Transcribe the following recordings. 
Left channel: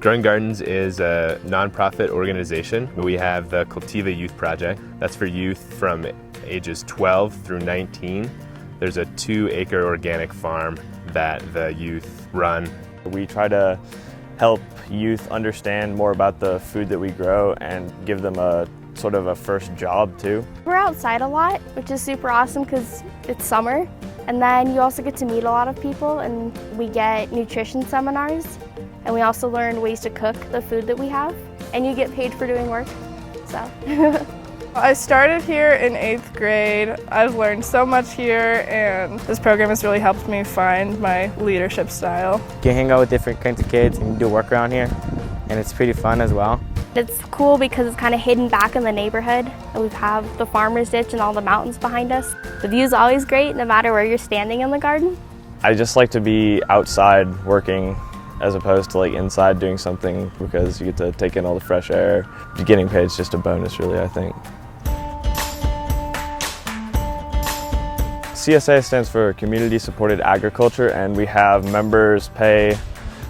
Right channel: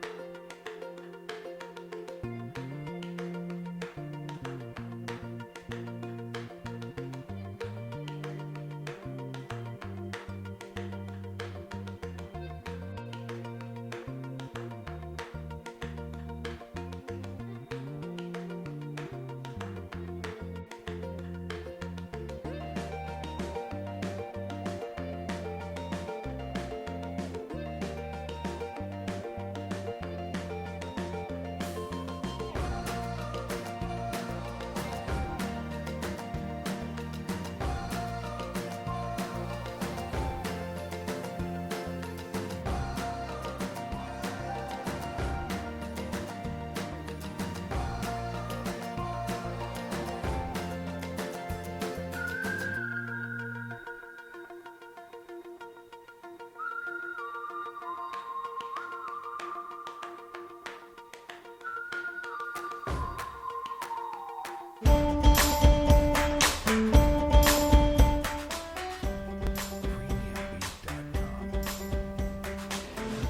Growing Gardens is a nonprofit organization. We have the Cultiva Youth Project. That's for youth from ages 12 through 19. There's a 2-acre organic farm that the youth run. We try to help youth understand more about the food that we grow and give them a sort of a first job too. We're outside a lot, which is super awesome because it's summer. And then you also get to meet a lot of people, and we get nutrition seminars. And we also learn ways to cook the food that we have. And you get paid for doing work, so. I started here in 8th grade. I've learned so much here, and this program has really helped me find my leadership style. You can hang out with different kinds of kids and do work around here, and it's pretty fun as well. It's cool because it's kind of hidden back in the neighborhood. We have the farmer's ditch and all the mountains behind us. The view's always great no matter where you're standing in the garden. I just like to be outside working as opposed to like inside doing something because you get to take in all the fresh air. Getting paid is just a bonus really, I think. CSA stands for Community Supported Agriculture, and we have members pay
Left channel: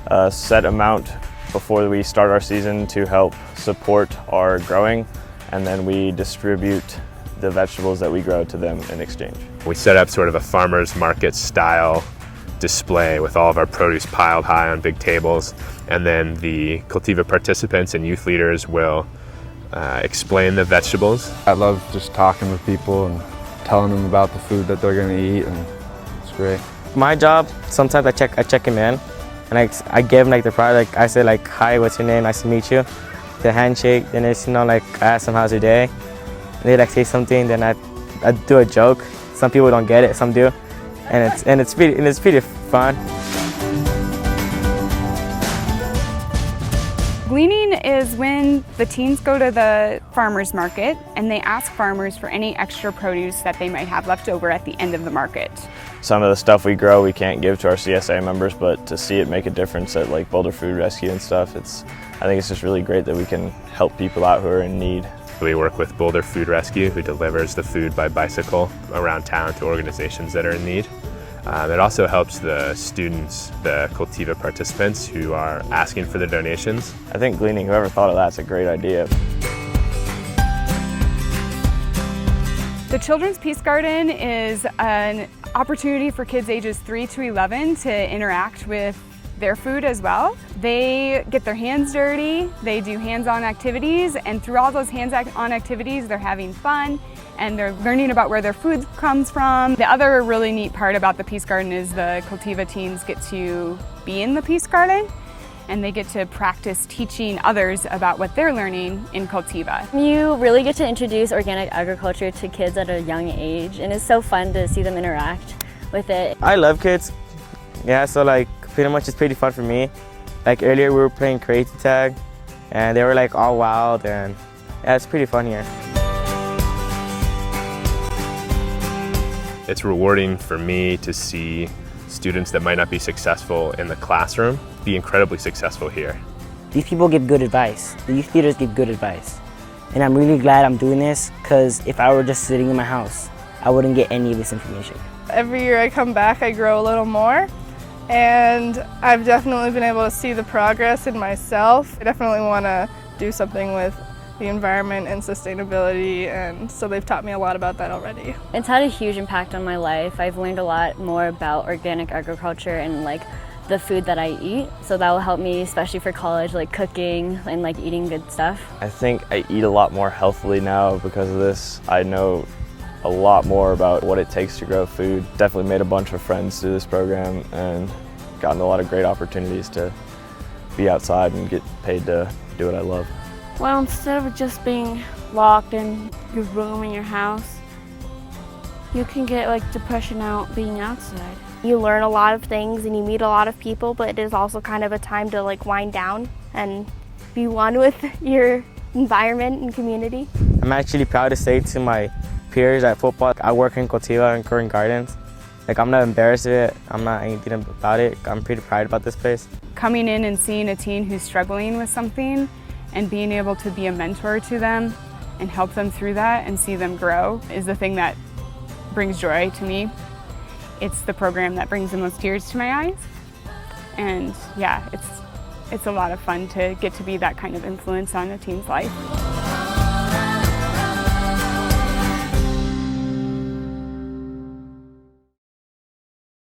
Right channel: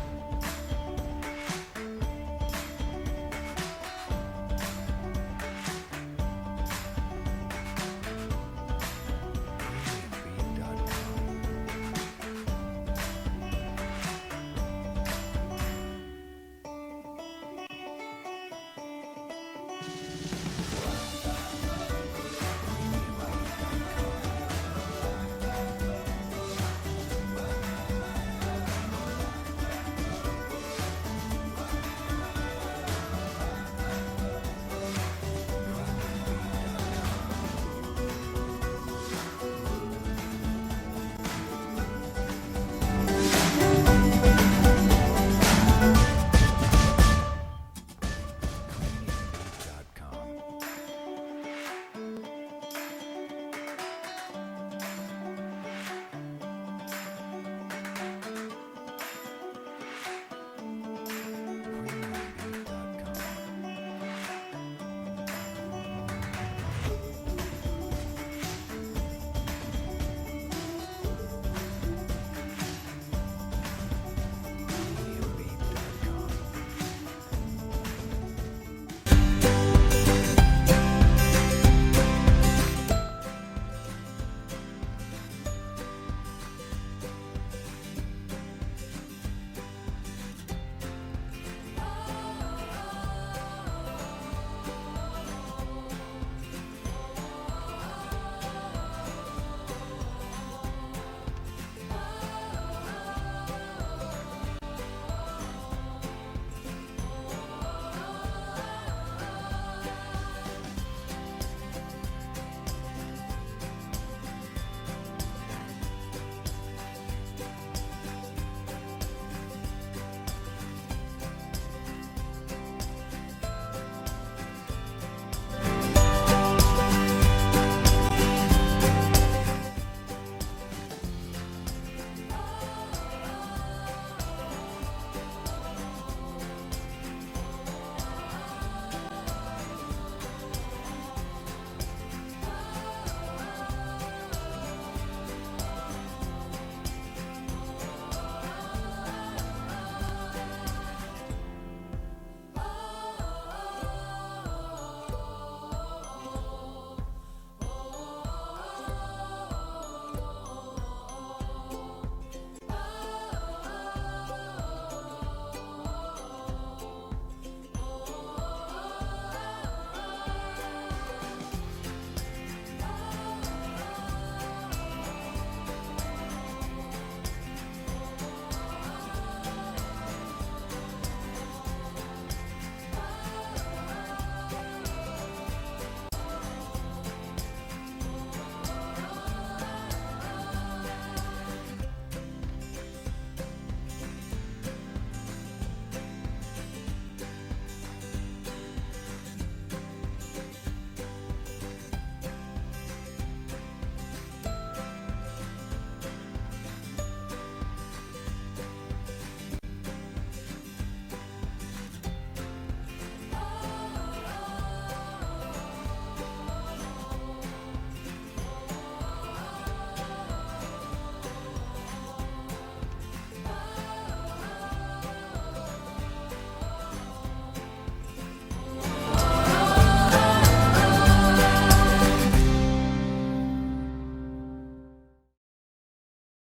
a set amount before we start our season to help support our growing, and then we distribute the vegetables that we grow to them in exchange. We set up sort of a farmer's market style display with all of our produce piled high on big tables, and then the Cultiva participants and youth leaders will explain the vegetables. I love just talking with people and telling them about the food that they're going to eat, and it's great. My job, sometimes I check them in, and I give them like the product. I say like, hi, what's your name? Nice to meet you. The handshake, then it's, like I ask them how's your day. They like say something, then I do a joke. Some people don't get it, some do, and it's pretty fun. Gleaning is when the teens go to the farmer's market and they ask farmers for any extra produce that they might have left over at the end of the market. Some of the stuff we grow we can't give to our CSA members, but to see it make a difference at like Boulder Food Rescue and stuff, I think it's just really great that we can help people out who are in need. We work with Boulder Food Rescue, who delivers the food by bicycle around town to organizations that are in need. It also helps the students, the Cultiva participants, who are asking for the donations. I think gleaning, whoever thought of that's a great idea. The Children's Peace Garden is an opportunity for kids ages 3 to 11 to interact with their food as well. They get their hands dirty, they do hands-on activities, and through all those hands-on activities they're having fun and they're learning about where their food comes from. The other really neat part about the Peace Garden is the Cultiva teens get to be in the Peace Garden, and they get to practice teaching others about what they're learning in Cultiva. You really get to introduce organic agriculture to kids at a young age, and it's so fun to see them interact with it. I love kids, yeah, so like pretty much it's pretty fun for me. Like earlier we were playing crazy tag, and they were like all wild, and yeah, it's pretty fun here. It's rewarding for me to see students that might not be successful in the classroom be incredibly successful here. These people give good advice. The youth leaders give good advice. And I'm really glad I'm doing this, because if I were just sitting in my house, I wouldn't get any of this information. Every year I come back, I grow a little more, and I've definitely been able to see the progress in myself. I definitely want to do something with the environment and sustainability, and so they've taught me a lot about that already. It's had a huge impact on my life. I've learned a lot more about organic agriculture and like the food that I eat, so that will help me, especially for college, like cooking and like eating good stuff. I think I eat a lot more healthily now because of this. I know a lot more about what it takes to grow food. Definitely made a bunch of friends through this program and gotten a lot of great opportunities to be outside and get paid to do what I love. Well, instead of just being locked in your room in your house, you can get like depression out being outside. You learn a lot of things and you meet a lot of people, but it is also kind of a time to like wind down and be one with your environment and community. I'm actually proud to say to my peers at football, I work in Cultiva and Growing Gardens. Like, I'm not embarrassed of it, I'm not anything about it. I'm pretty proud about this place. Coming in and seeing a teen who's struggling with something and being able to be a mentor to them and help them through that and see them grow is the thing that brings joy to me. It's the program that brings the most tears to my eyes. And yeah, it's a lot of fun to get to be that kind of influence on a teen's life.